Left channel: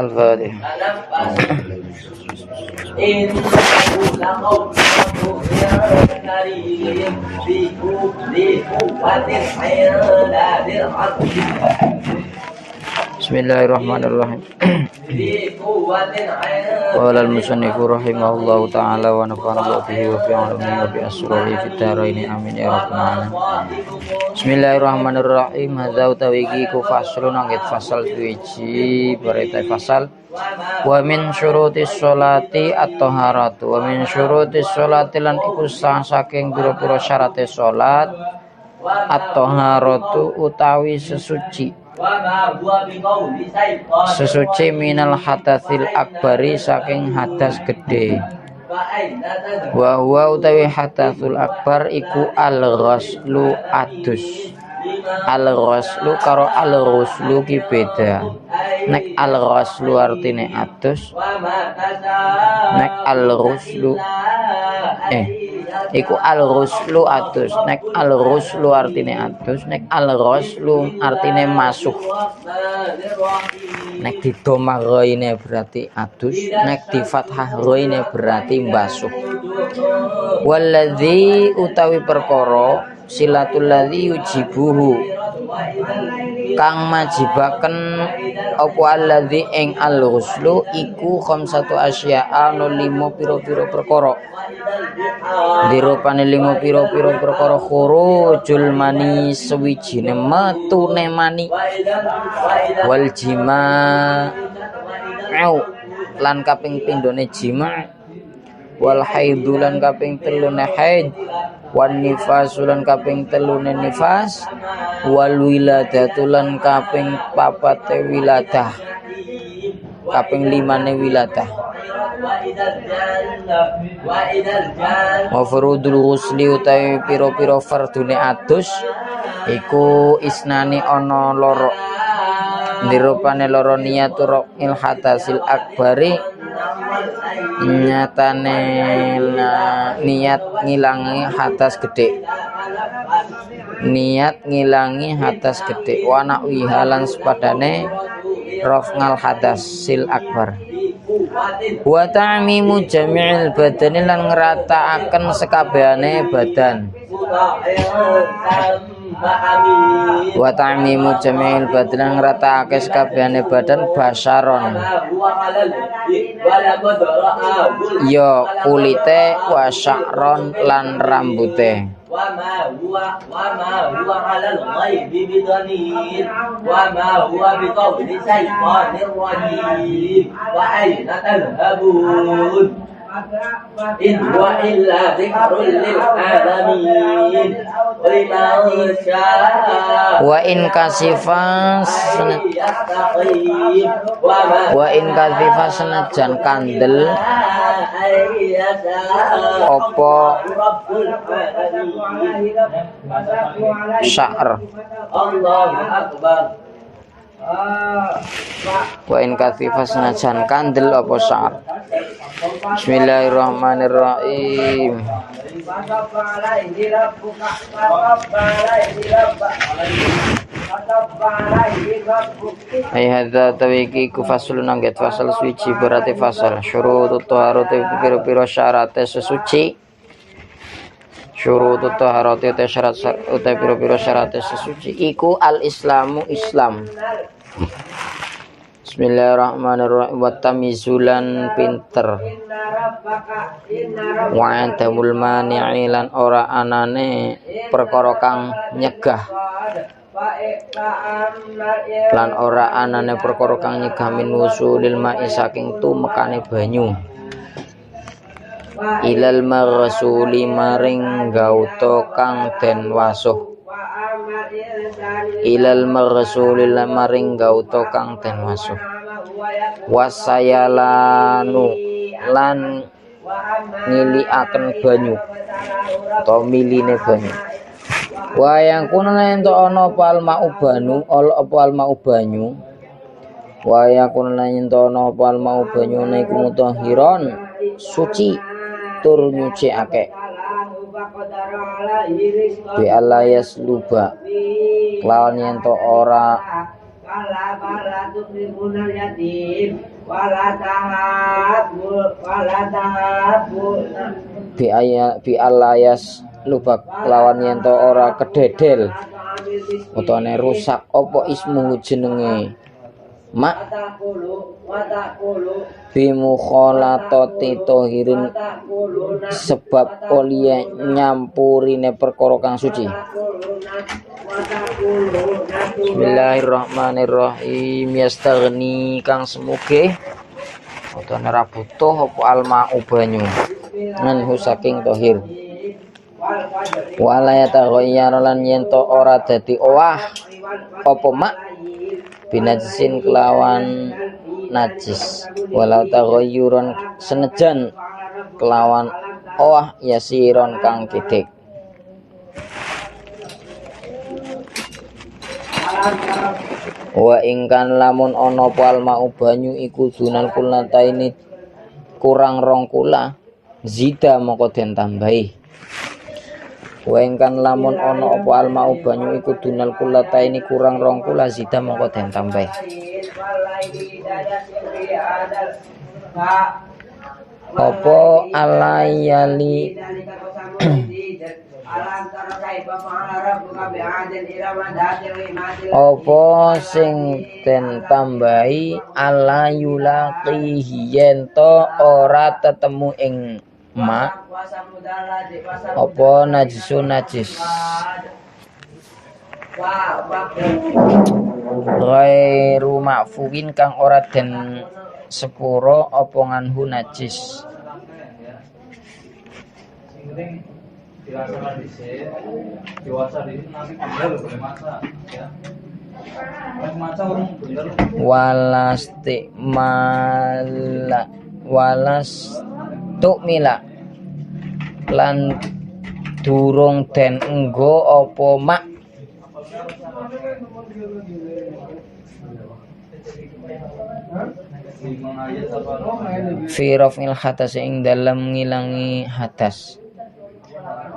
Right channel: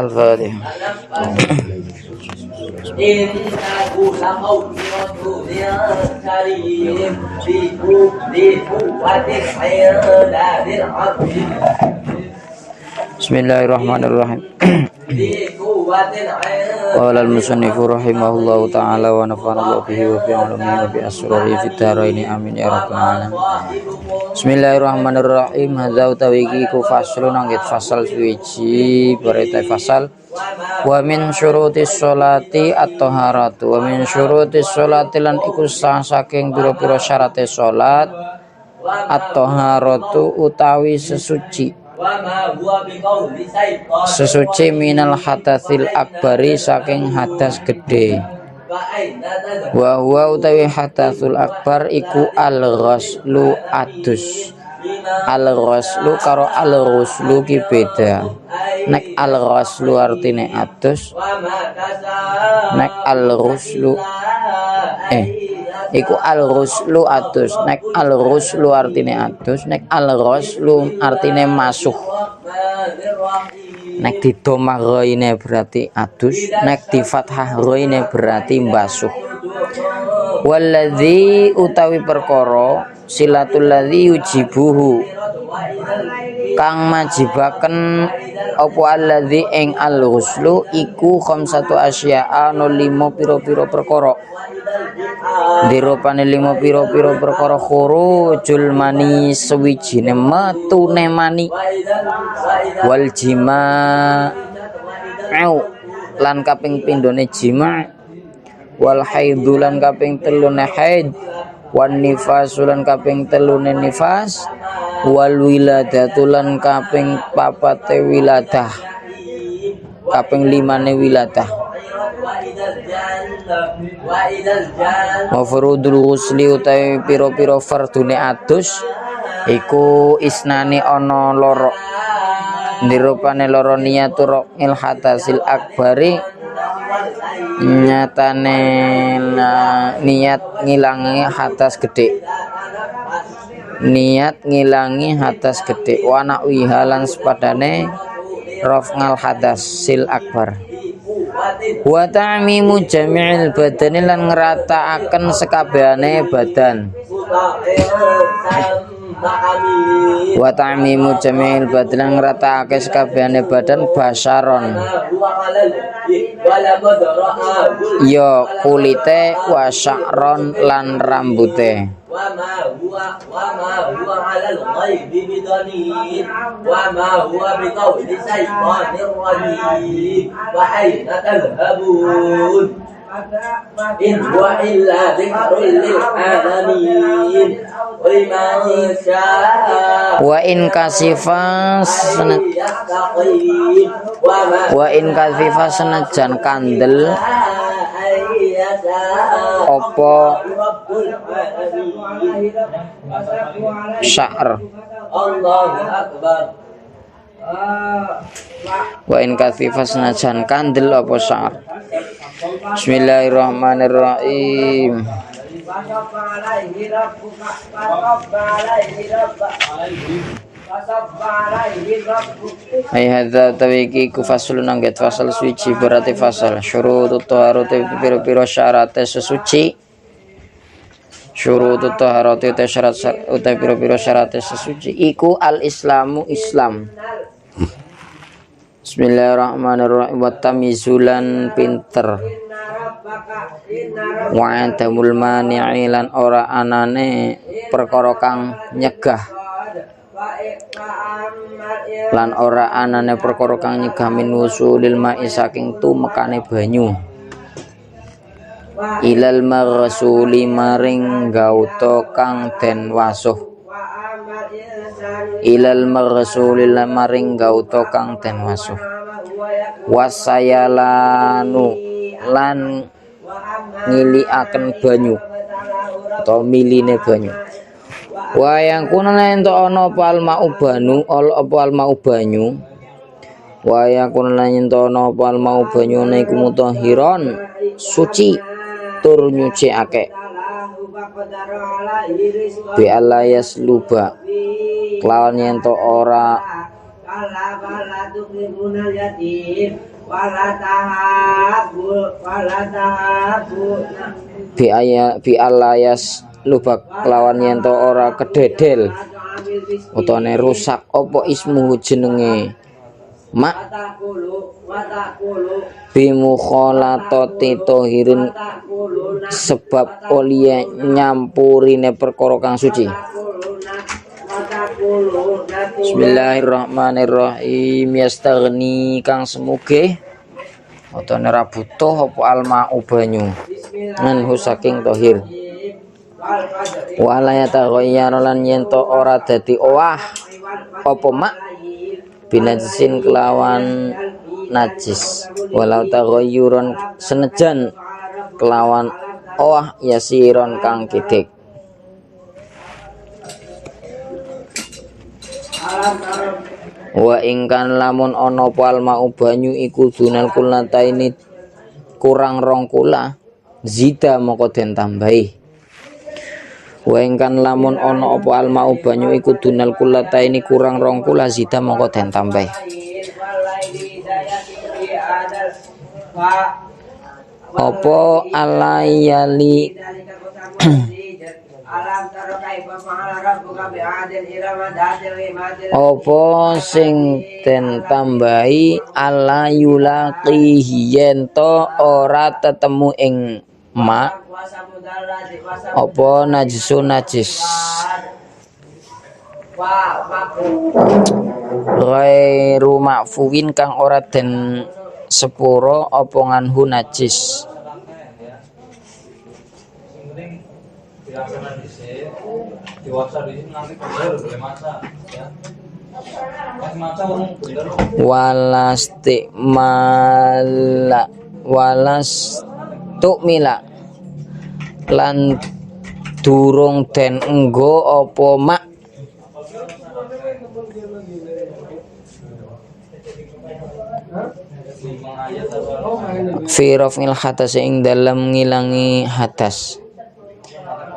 Al-Fatihah. Bismillahirrahmanirrahim. Qala al-musannifu rahimahullahu ta'ala wa nafa'ana bihi wa bi 'ilmihi wa bi asrarihi fid dharaini amin ya rabbal alamin. Bismillahirrahmanirrahim. Hadza utawi ku faslun angget fasal suci berita fasal. Wa min syurutis sholati at-taharatu wa min syurutis sholati lan iku saking pira-pira syarate salat at-taharatu utawi sesuci minal hadatsil akbari saking hadas gede. Wa huwa utawi hadatsul akbar iku al-ghuslu adus. Al-ghuslu karo al-ghuslu ki beda. Nek al-ghuslu artine adus, nek al-ghuslu iku al-ghuslu adus. Nek al-ghuslu artine adus, nek al-ghuslu artine masuh. Nek di dhammah ghaine berarti adus, nek di fathah ghaine berarti mbasuh. Walladzi utawi perkara silatul ladzi yujibuhu kang majibaken apa alladzi ing al-ghuslu iku khamsatu asya'a no 5 pira-pira perkara. Dirupane 5 pira-pira perkara khurujul mani sewijine metune mani wal jima' lan kaping pindhone jima' wal haidhu lan kaping telune haid wan nifasu lan kaping telune nifas wal wiladatu lan kaping papate wiladah kaping limane wiladah. Mafrudul ghusli utawi pira-pira fardune adus iku isnane ana loro. Dirupane loro niatur il hadasil akbari nyatane niat ngilangi hadas gede. Niat ngilangi hadas gede wa na'wihalan sepadane raf'al hadasil akbar. Wa ta'mimu jami'il badani lan ngrataaken sekabehane badan. Wa ta'mimu jami'il badan ngratake sekabehane badan basaron ya kulite wa sya'ron lan rambute. Wa ma huwa 'alal ghaibi bidanin wa ma huwa biqawli syaitanir rajim wa aina tadhhabun in huwa illa dzikrun lil alamin wa in kasifas senajan kandel opo sya'r Allahu akbar. Wa in kasifas senajan kandel opo sya'r. Bismillahirrahmanirrahim. Ai hadza tawiki ku faslun angget fasal suci berarti fasal syurutut taharati pira-pira syarate sesuci. Syurutut taharati te syarat uta pira-pira syarate sesuci iku al-islamu Islam. Bismillahirrahmanirrahim. Wa tamizulan pinter wa antamul mani'i lan ora anane perkara kang nyegah lan ora anane perkara kang nyegah min wusulil ma'i saking tumekane banyu ilal maghsuli maring gauta kang den wasuh ilal maghsuli maring gauta kang den wasuh wasayalanu lan ngiliaken banyu atau miline banyu. Wayang kuna ento ana apa almau banu apa almau banyu. Wayang kuna ento ana apa almau banyu niku mutahhiron suci tur nyucikake. Bi alayas luba lawan ento ora bi alayas lubak lawan yen to ora kededel utawane rusak apa ismu jenenge mak bimukhalatati tohirin sebab oleh nyampurine perkara kang suci. Bismillahirrahmanirrahim. Yastaghni kang semuge utawa ora butuh apa alma banyu ngenhu saking tohir. Wala yataghayyar lan yen to ora dadi owah apa mak binajisin kelawan najis walau taghayyuran senejan kelawan owah yasiron kang kidik. Wa ingkan lamun ana apa alma banyu iku dunal kulataini kurang rong kula zida moko den tambahi. Wa ingkan lamun ana apa alma banyu iku dunal kulataini kurang rong kula zida moko den tambahi. Apa alayali apa sing den tambahi ala yulaqihi yento ora tetemu ing mak apa najisun najis ghairu ma'fuwin kang ora den sepuro apa nganhu najis. Dilaksanakan dewasa di sini nanti bener boleh masak ya. Masak orang bener. Walastukmila lan durung den enggo apa mak fi raf'il hadas ing dalem ngilangi hadas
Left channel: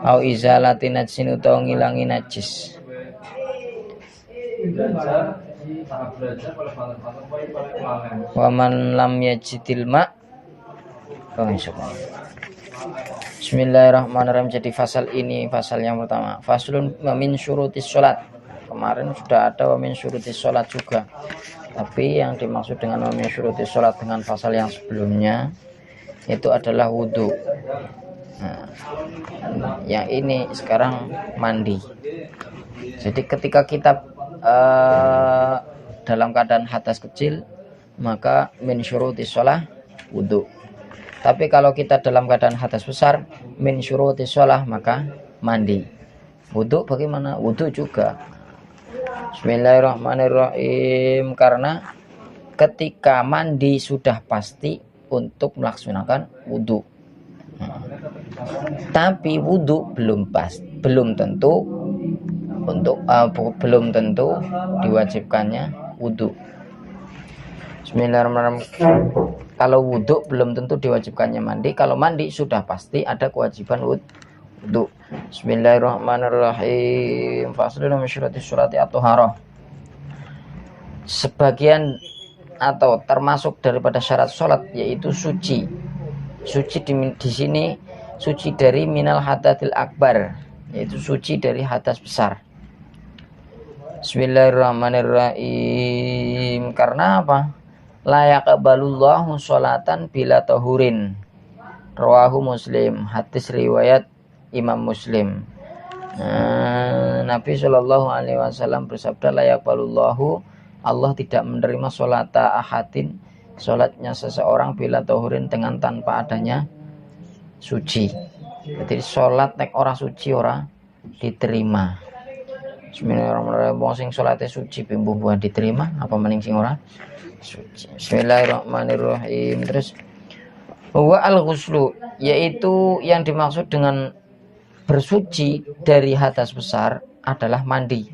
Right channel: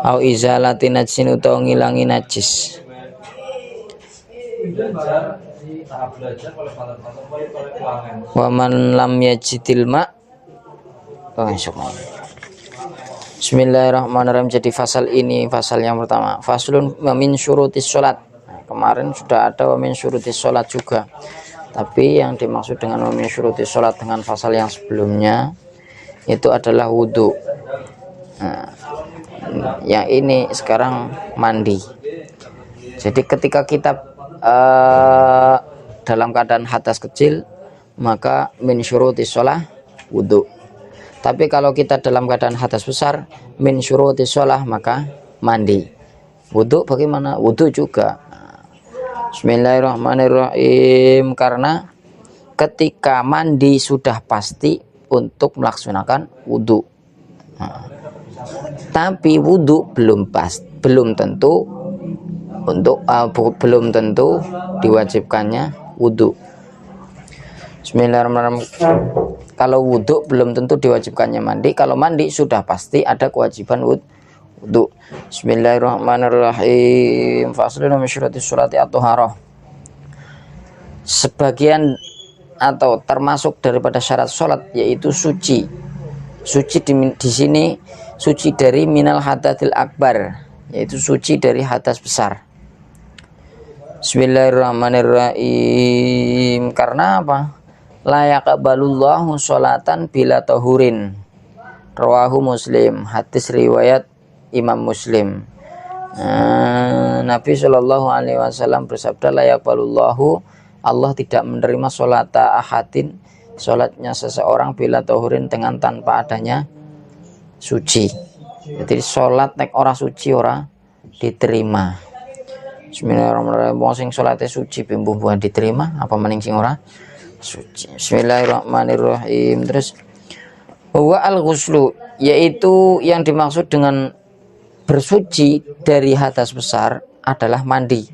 au izalati najsin utawa ngilangi najis. Wa man lam yajidil ma Bismillahirrahmanirrahim. Jadi fasal ini fasal yang pertama, faslun min syurutis sholat. Kemarin sudah ada min syurutis sholat juga, tapi yang dimaksud dengan min syurutis sholat dengan fasal yang sebelumnya itu adalah wudhu. Nah, yang ini sekarang mandi. Jadi ketika kita dalam keadaan hadas kecil maka min syurutis shalah wudu. Tapi kalau kita dalam keadaan hadas besar min syurutis shalah maka mandi. Wudu bagaimana? Wudu juga. Bismillahirrahmanirrahim. Karena ketika mandi sudah pasti untuk melaksanakan wudu. Tapi wudhu belum tentu untuk belum tentu diwajibkannya wudhu. Bismillahirrahmanirrahim. Kalau wudhu belum tentu diwajibkannya mandi. Kalau mandi sudah pasti ada kewajiban wudhu. Bismillahirrahmanirrahim. Faslun min syurati sholati at-thaharah. Sebagian atau termasuk daripada syarat sholat yaitu suci. Suci di sini suci dari minal hadatsil akbar, yaitu suci dari hadas besar. Bismillahirrahmanirrahim. Karena apa? La yaqbalullahu sholatan bila tahurin. Rawahu Muslim. Hadis riwayat Imam Muslim. Nabi Shallallahu Alaihi Wasallam bersabda, la yaqbalullahu, Allah tidak menerima sholata ahadin, sholatnya seseorang bila tahurin dengan tanpa adanya suci. Jadi sholat nek ora suci ora diterima. Bismillahirrahmanirrahim. Wong sing sholate suci bumbu-bumbuan diterima, apa maning sing ora suci. Bismillahirrahmanirrahim. Terus wa al-ghuslu, yaitu yang dimaksud dengan bersuci dari hadas besar adalah mandi.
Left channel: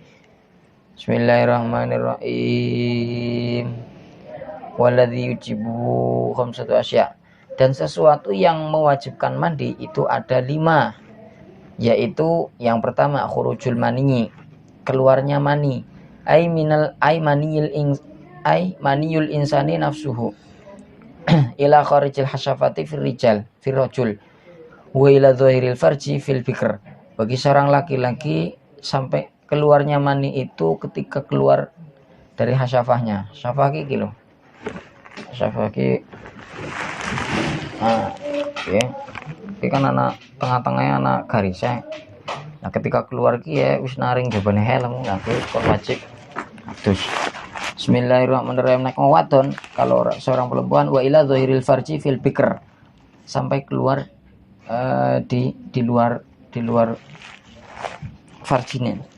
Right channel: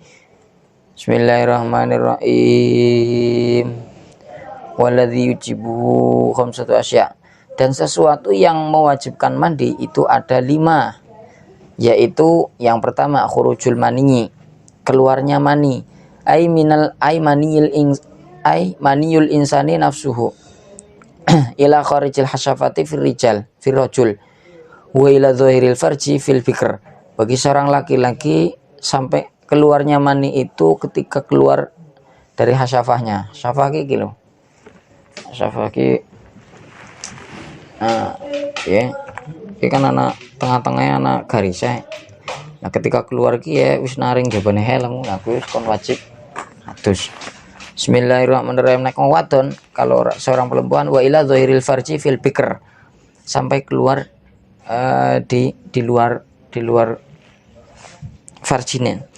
Bismillahirrahmanirrahim. Waladzi yujibu khamsatu asya, dan sesuatu yang mewajibkan mandi itu ada 5, yaitu yang pertama khurujul mani, keluarnya mani, maniyul insani nafsuhu, ila kharijil hasyafati fil rajul wa ila dhahiril farji fil fikr. Bagi seorang laki-laki sampai keluarnya mani itu ketika keluar dari hasyafahnya. Hasyafah iki lho. Hasyafah iki ya. Iki kan anak tengah-tengahnya anak garisnya. Nah, ketika keluar ki ya wis naring jabane helm, aku kon wajib adus. Bismillahirrahmanirrahim. Nek wadon kalau seorang perempuan wa ila dhahiril farji fil fikr, sampai keluar di luar farjine.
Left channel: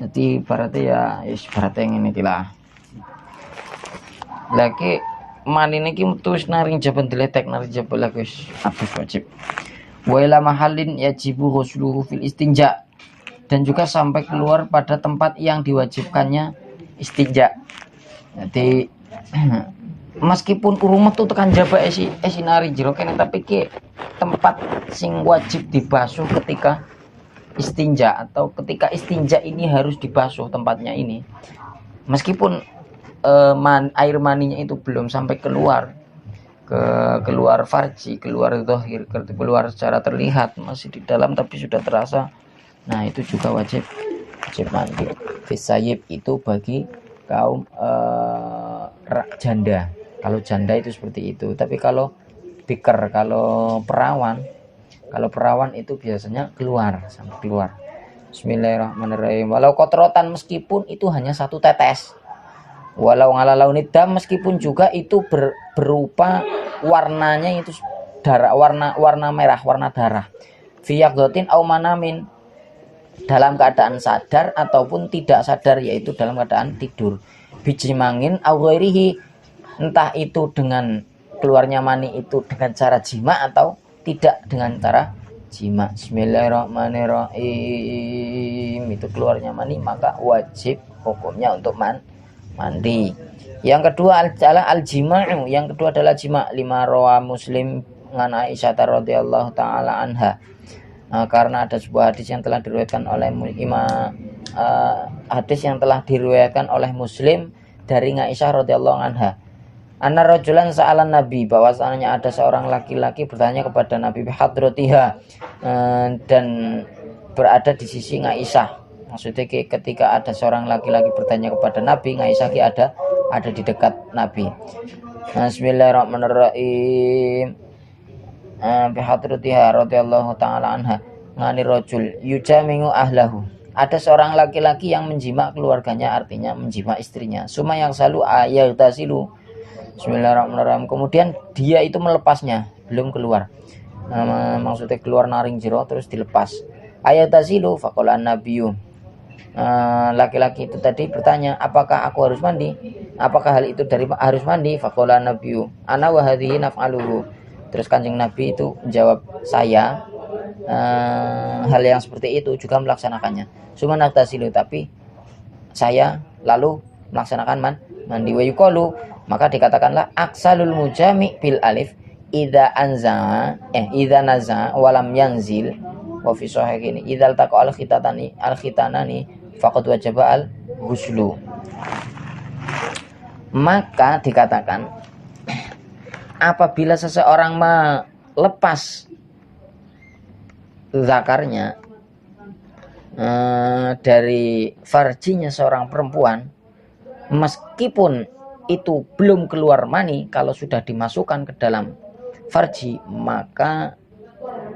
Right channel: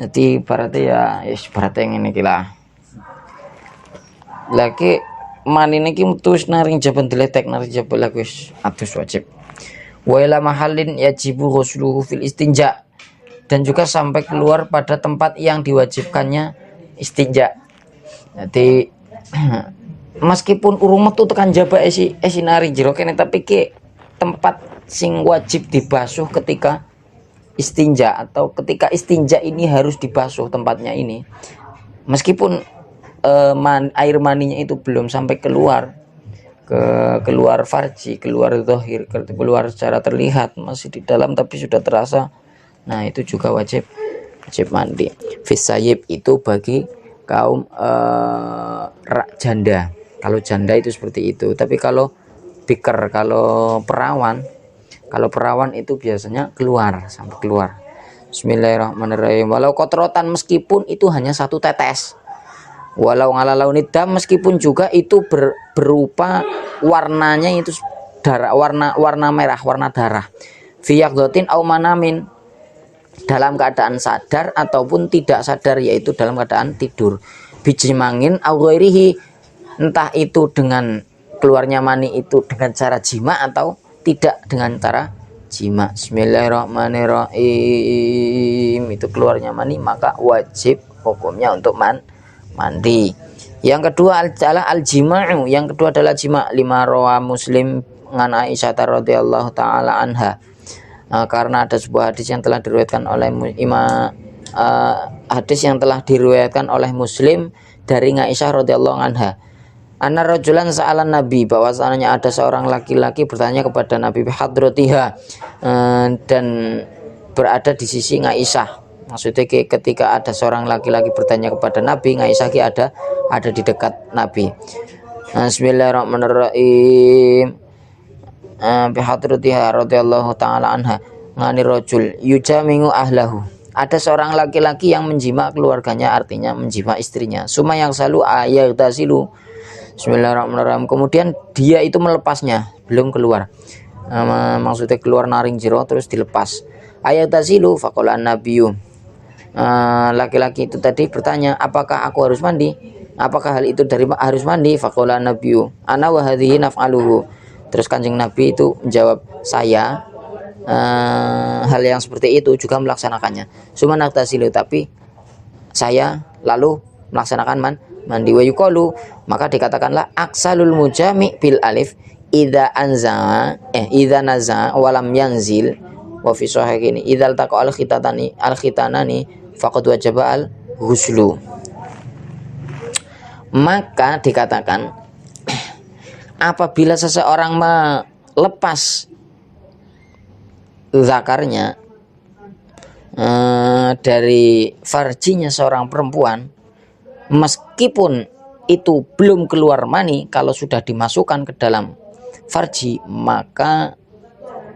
Jadi berarti ya berarti ngene iki lah. Lagi manine ki terus naring jaban diletek naring jabal wis adus wajib. Wa ila mahallin yajibu ghusluhu fil istinja, dan juga sampai keluar pada tempat yang diwajibkannya istinja. Jadi meskipun urung metu tekan jaba nari jero kene, tapi ke tempat sing wajib dibasuh ketika istinja atau ketika istinja ini harus dibasuh tempatnya ini, meskipun air maninya itu belum sampai keluar farji, keluar zahir, keluar secara terlihat, masih di dalam tapi sudah terasa. Nah, itu juga wajib mandi. Fisayib itu bagi kaum janda. Kalau janda itu seperti itu. Tapi kalau bikr, kalau perawan itu biasanya sampai keluar. Bismillahirrahmanirrahim. Walau kotrotan, meskipun itu hanya satu tetes. Walau ngalalau nidam, meskipun juga itu berupa warnanya itu darah, warna merah, warna darah. Fiyaqdotin au manamin, dalam keadaan sadar ataupun tidak sadar, yaitu dalam keadaan tidur. Bijimangin au ghairihi, entah itu dengan keluarnya mani itu dengan cara jima atau tidak dengan cara jima. Bismillahirrahmanirrahim. Itu keluarnya mani, maka wajib hukumnya untuk mandi. Yang kedua al-jima'u, yang kedua adalah jima. Lima rawa Muslim ngan Aisyah radhiyallahu taala anha, karena ada sebuah hadis yang telah diriwayatkan oleh Muslim dari Aisyah radhiyallahu anha. Anna rajulan sa'alan Nabi, bahwasanya ada seorang laki-laki bertanya kepada Nabi bihadratiha, dan berada di sisi Aisyah. Maksudnya ketika ada seorang laki-laki bertanya kepada Nabi, Aisyah ada di dekat Nabi. Bismillahirrahmanirrahim. Bihadratiha radhiyallahu taala anha ngani rajul yujamingu ahlahu. Ada seorang laki-laki yang menjima keluarganya, artinya menjima istrinya. Suma yang selalu ayatasilu. Bismillahirrahmanirrahim. Kemudian dia itu melepasnya, belum keluar. Maksudnya keluar naring jero terus dilepas. Ayatasilu faqala nabiyyu. Laki-laki itu tadi bertanya, apakah aku harus mandi? Apakah hal itu harus mandi? Faqala nabiyyu ana wa hadhihi naf'aluhu. Terus Kanjeng Nabi itu menjawab, saya hal yang seperti itu juga melaksanakannya. Sumanatasilu, tapi saya lalu melaksanakan mandi. Wa yuqalu, maka dikatakanlah aksalul mujami bil alif idza naza walam yanzil. Wa fi sahih ini idzal taqa al khitanani faqad wajaba al ghuslu. Maka dikatakan apabila seseorang melepas zakarnya dari farjinya seorang perempuan, meskipun itu belum keluar mani, kalau sudah dimasukkan ke dalam farji maka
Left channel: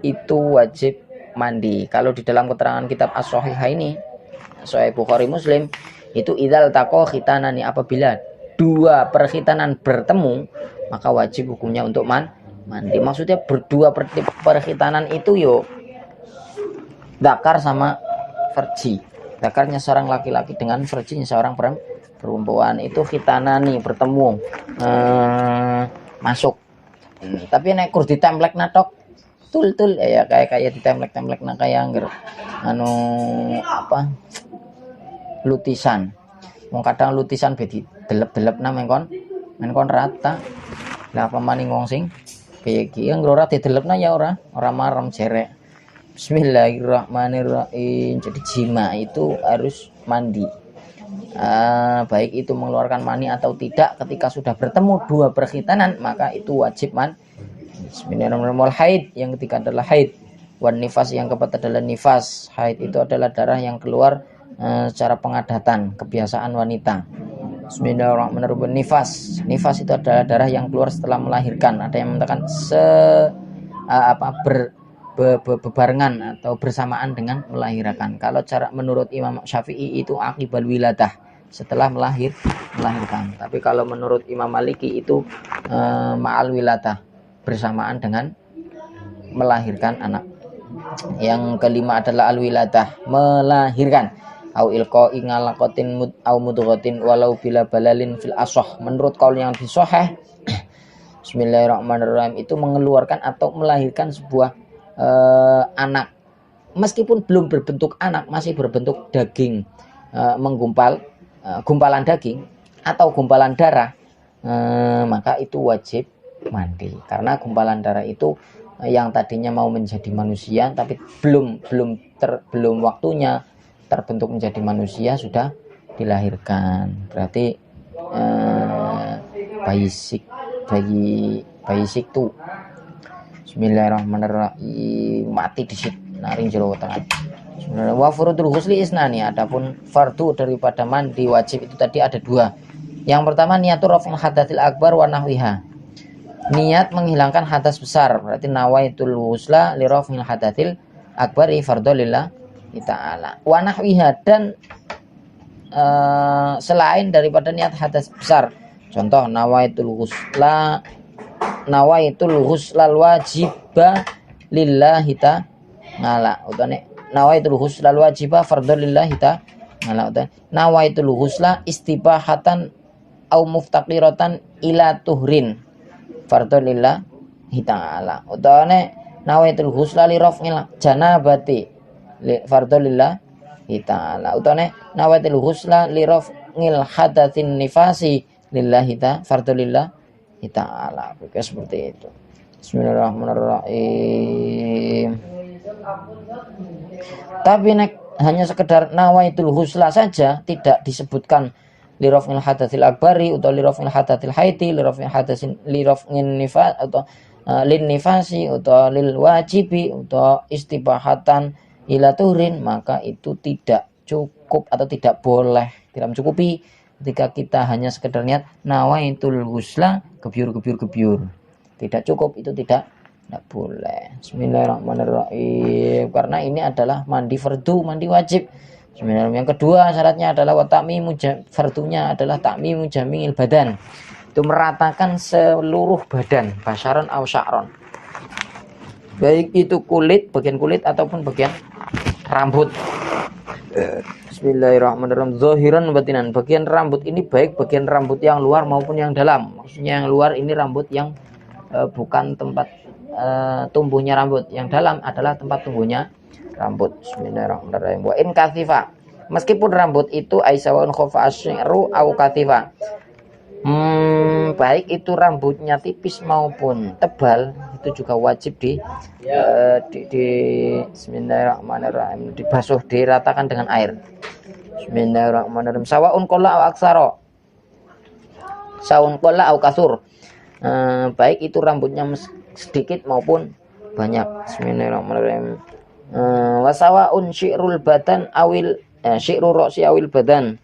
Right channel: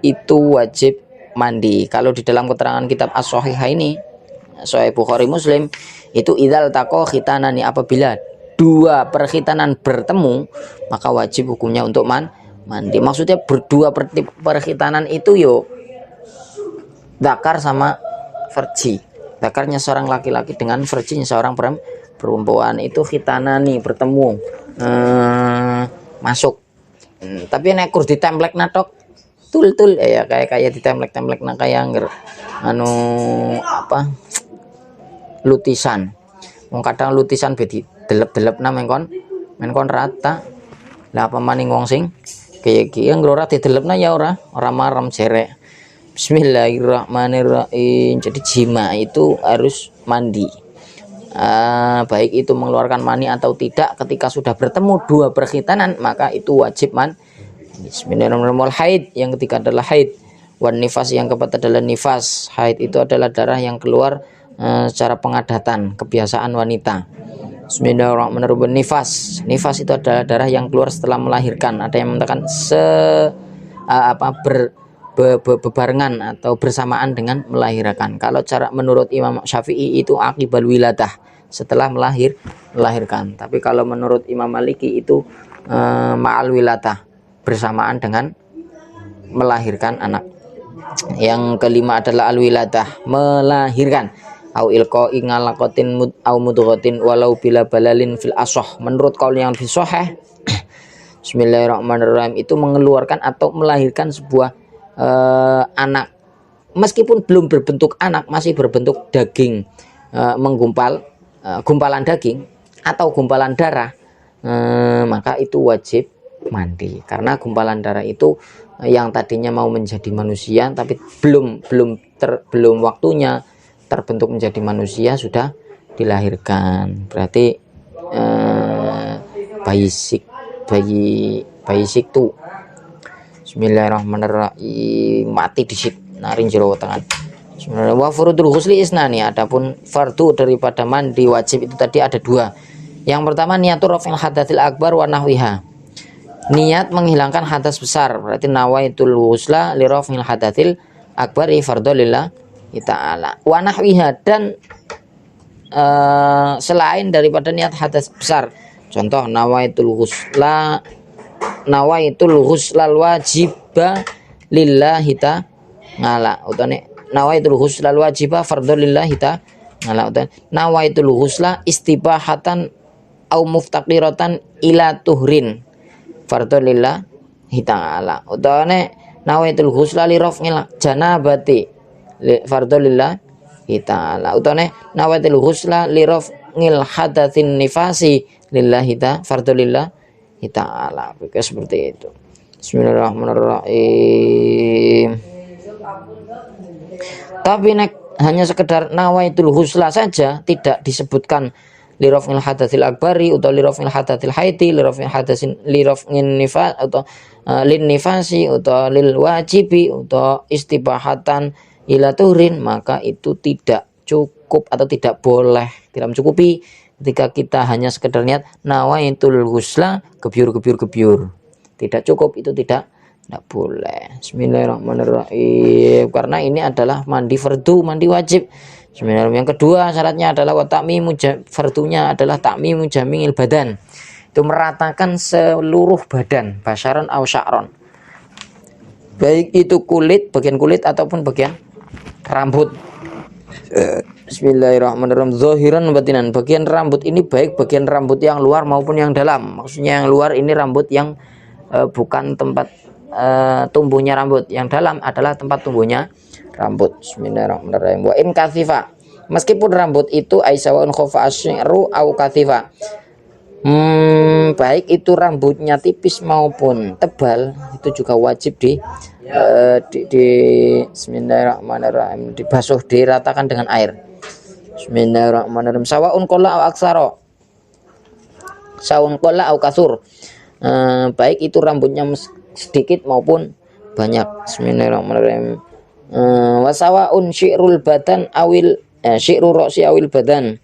itu wajib mandi. Kalau di dalam keterangan kitab As-Shahihah ini, Sahih Bukhari Muslim, itu idzal taqa khitanani, apabila dua perkhitanan bertemu maka wajib hukumnya untuk mandi. Maksudnya berdua perkhitanan itu zakar sama farji. Zakarnya seorang laki-laki dengan farjinya seorang perempuan itu khitanani, bertemu, masuk. Tapi nek kur ditemplek natok tul ya kayak ditemplek nang kayak lutisan. Wong kadang lutisan bedi delep-delep nang menkon rata. Lah apa maning wong sing kayak iki ora didelepna ya ora marem jerek. Bismillahirrahmanirrahim. Jadi jima itu harus mandi. baik itu mengeluarkan mani atau tidak, ketika sudah bertemu dua perkhitanan maka itu wajib mandi. Bismillahirrahmanirrahim. Haid, yang ketiga adalah haid. Wan nifas, yang keempat adalah nifas. Haid itu adalah darah yang keluar secara pengadatan, kebiasaan wanita. Bismillahirrahmanirrahim. Nifas, nifas itu adalah darah yang keluar setelah melahirkan. Ada yang mengatakan bebarengan atau bersamaan dengan melahirkan. Kalau cara menurut Imam Syafi'i itu akibal wiladah, setelah melahirkan. Tapi kalau menurut Imam Maliki itu ma'al wiladah, bersamaan dengan melahirkan anak. Yang kelima adalah al-wiladah, melahirkan. Au ilqa'i ngalaqatin au mudghatin walau bila balalin fil ashah. Menurut kaul yang lebih sahih, bismillahirrahmanirrahim, itu mengeluarkan atau melahirkan sebuah anak meskipun belum berbentuk anak, masih berbentuk daging, menggumpal gumpalan daging atau gumpalan darah, maka itu wajib mandi, karena gumpalan darah itu yang tadinya mau menjadi manusia tapi belum waktunya terbentuk menjadi manusia, sudah dilahirkan, berarti bayi siktu. Bismillahirrahmanirrahim, mati disit naring jero tangan. Bismillahirrahmanirrahim. Wa furudul ghusli isnani, adapun fardu daripada mandi wajib itu tadi ada dua. Yang pertama niatur rafil hadatsil akbar wa nahwiha, niat menghilangkan hadas besar, berarti nawaitul ghusla li rafil hadatsil akbar fardhu lillah ta'ala. Wa nahwiha, dan selain daripada niat hadas besar, contoh nawaitul ghusla wajiba lillahi ta'ala, utane nawaitul ghusla wajiba fardhu lillahi ta'ala, utane nawaitul ghusla istibahatan au muftaqiratan ila tuhrin fardhu lillahi ta'ala, utane nawaitul ghusla li raf'il janabati fardhu lillahi ta'ala, utane nawaitul ghusla li raf'il hadatsin nifasi lillahi ta'ala fardhu lillahi ta'ala. Seperti itu. Bismillahirrahmanirrahim. Tapi hanya sekedar nawaitul ghusla saja, tidak disebutkan li raf'il hadatsil akbari atau li raf'il hadatsil haiti, li raf'il hadatsin li raf'in nifas atau lin nifasi atau lil wajibi atau istibahatan ila tuhrin, maka itu tidak cukup atau tidak boleh, tidak mencukupi ketika kita hanya sekedar niat nawaitul ghusla gebyur, tidak cukup, itu tidak boleh. Bismillahirrahmanirrahim, karena ini adalah mandi fardu, mandi wajib. Bismillahirrahmanirrahim. Yang kedua syaratnya adalah watamimu, fardunya adalah takmimu jamil badan, itu meratakan seluruh badan, basyaran au sya'ron, baik itu kulit, bagian kulit ataupun bagian rambut. Bismillahirrahmanirrahim. Zahiran batinan, bagian rambut ini baik bagian rambut yang luar maupun yang dalam. Maksudnya yang luar ini rambut yang bukan tempat tumbuhnya rambut, yang dalam adalah tempat tumbuhnya rambut. Bismillahirrahmanirrahim. Wa in kathifa, meskipun rambut itu aisawan khofa asy'ru au kathifa, baik itu rambutnya tipis maupun tebal, itu juga wajib di bismillahirrahmanirrahim, dibasuh, diratakan dengan air. Bismillahirrahmanirrahim. Sawaun qalla au aksara, saun qalla au kasur, baik itu rambutnya sedikit maupun banyak. Bismillahirrahmanirrahim. Wasawaun syi'rul badan awil syi'ru ra'si awil badan,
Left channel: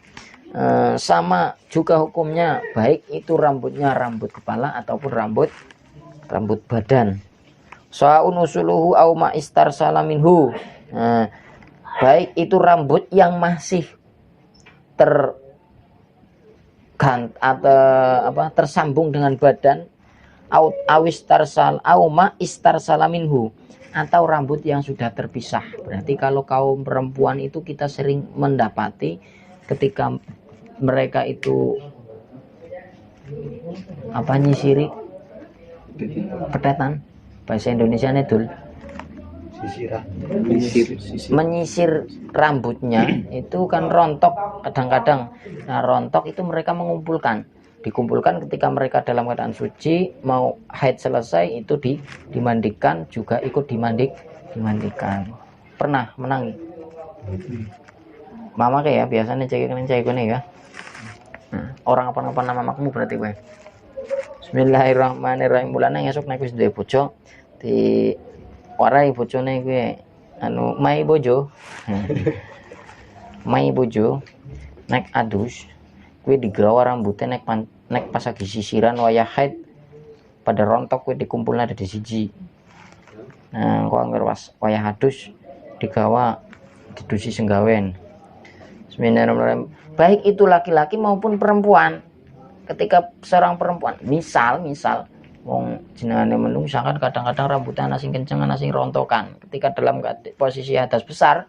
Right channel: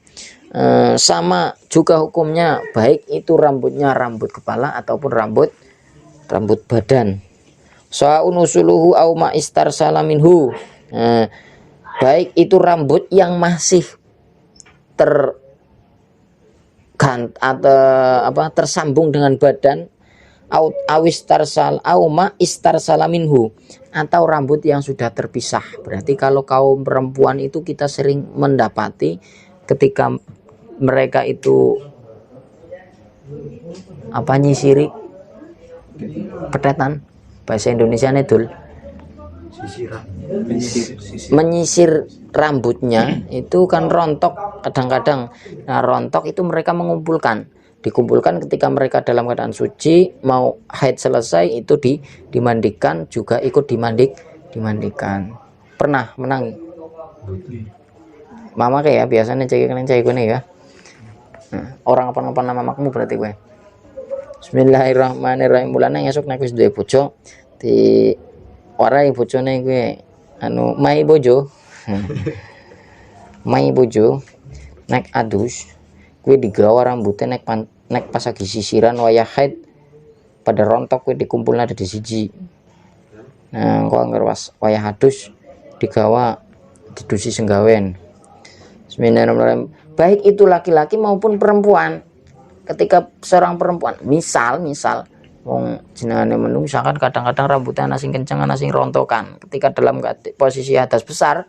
sama juga hukumnya baik itu rambutnya rambut kepala ataupun rambut badan. Sa'un usuluhu au ma istarsala minhu, baik itu rambut yang masih tersambung dengan badan, au ma istarsala minhu, atau rambut yang sudah terpisah. Berarti kalau kaum perempuan itu kita sering mendapati ketika mereka itu nyisiri petetan, bahasa Indonesia nedul, menyisir rambutnya itu kan rontok kadang-kadang. Nah, rontok itu mereka dikumpulkan ketika mereka dalam keadaan suci, mau haid selesai itu dimandikan, juga ikut dimandikan. Pernah menangi mama kayak biasanya cek ya. Orang apa nama makmu berarti gue. Bismillahirrahmanirrahim. Mulane esuk nek wis duwe bojo di warai bojone gue anu mai bojo. Mai bojo nek adus gue digawa rambutnya nek pas lagi sisiran wayah haid pada rontok gue dikumpulnya ada di siji. Nah, kok anggar wayah adus digawa didusi senggawen. Bismillahirrahmanirrahim. Baik itu laki-laki maupun perempuan. Ketika seorang perempuan, misal wong jenengane menung misalkan kadang-kadang rambutnya ana sing kenceng ana sing rontokan. Ketika dalam posisi hadas besar,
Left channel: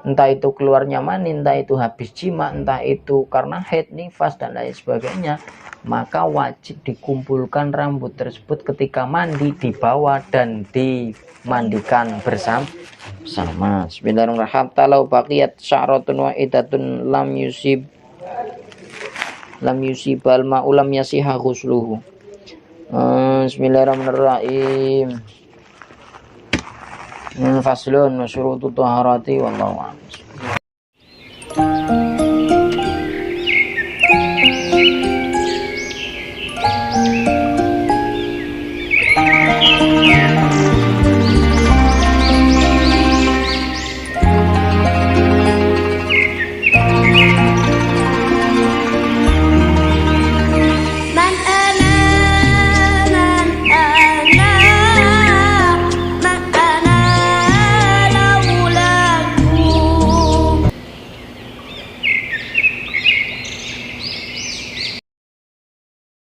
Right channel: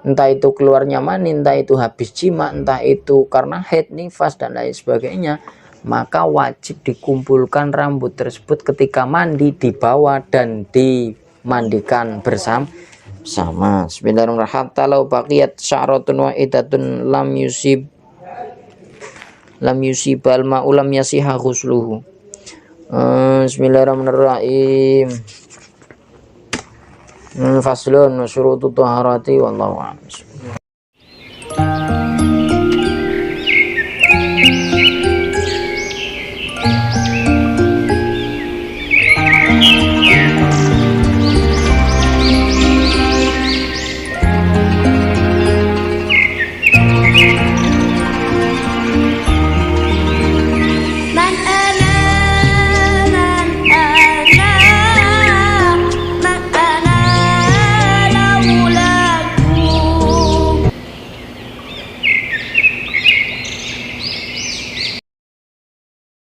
entah itu keluarnya mani, entah itu habis jima, entah itu karena haid, nifas dan lain sebagainya, maka wajib dikumpulkan rambut tersebut ketika mandi, dibawa dan dimandikan bersama. Bismillahirrahmanirrahim. Talau baqiyat sya'ratun wahidatun lam yusibal ma'u lam yasiha ghusluhu. Bismillahirrahmanirrahim. Faslun syurutu taharati wallahu a'lam.